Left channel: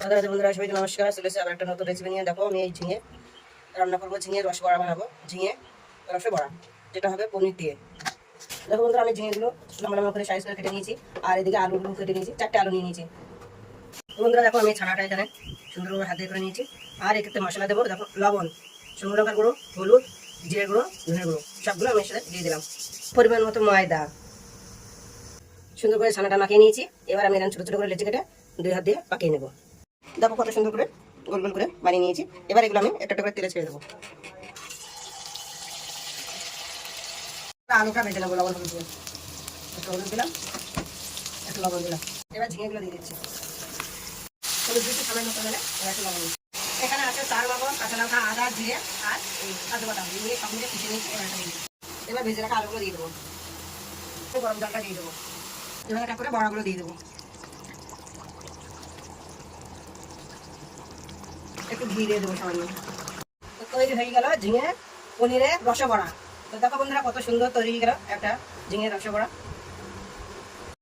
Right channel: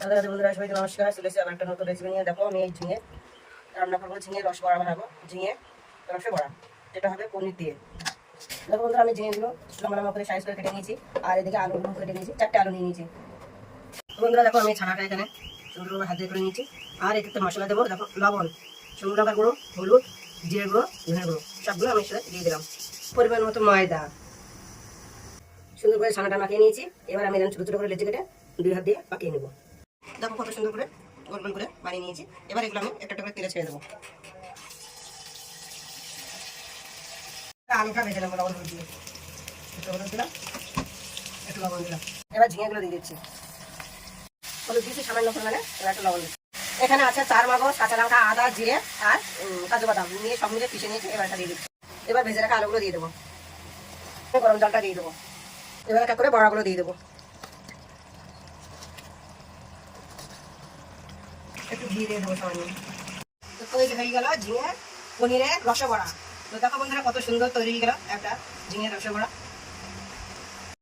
বন্ধুরা সবাইকে নমস্কার। চলে এসেছি আবার একটা নতুন রেসিপি নিয়ে। দেখো আমি এই ঝিঙে রান্না করবো, ঝিঙে রস বড়া বানাবো, ঝিঙে রসে বড়া, যেটা হবে পনির দিয়ে। দেখো বন্ধুরা আমি ঝিঙেগুলো লম্বা লম্বা করে সাইজ করে কেটে নিয়েছি, আর এদিকে আলুগুলো কেটে নিয়েছি, 4টে আলু নিয়ে নিয়েছি। বন্ধুরা দেখো আমি ছানাটা এখানে সুন্দরভাবে হাত দিয়ে করে নিয়েছি। আর এক্ষেত্রে মশলা দেবো, দেখো লবণ, শুকনো লঙ্কার গুঁড়ো, হলুদ, জিরে গুঁড়ো, ধনে গুঁড়ো, সবগুলো আমি সাথে দিয়ে দিলাম। পরিমাণ মতো ময়দা। সুন্দর করে ছানাটা মাখিয়ে নিয়েছি। এবার আমি এখানে ছোটো ছোটো করে লেচি কেটে 2 হাত দিয়ে পাকিয়ে নেবো। দেখো কত সুন্দর করে গোল গোল করে বানিয়ে নিয়েছি। এবার এগুলো আমি একটা করে তেলে ছেড়ে দেবো। আলুটা ভেজে নেবো লবণ হলুদ দিয়ে, একটু হলুদ দিলাম, একটু লবণ দিলাম। এবার ঝিঙেগুলো দিয়ে দিচ্ছি, হলুদ দিচ্ছি সামান্য পরিমাণে, এবার একটু লবণ দিচ্ছি। এখানে আছে 4 মগজ, কাঁচা লঙ্কা, আদা, জিরে আর কাজু বাদাম নিয়ে সব মিলে পিষে নিয়েছি। এবার এটা দিয়ে দিচ্ছি। এবার ভেজে রাখা আলুগুলো দিয়ে দেবো, গরম জলটা দিয়ে দেবো। এবার একটা করে বড়াগুলো দিয়ে দেবো, একটু ঘি দিয়ে দেবো সামান্য। তো তৈরি হয়ে গেল ঝিঙে পনিরের রসে বড়া। তো দেখো বন্ধুরা কত সুন্দর তৈরি হয়ে গেল একটা ঝিঙের রসে বড়া।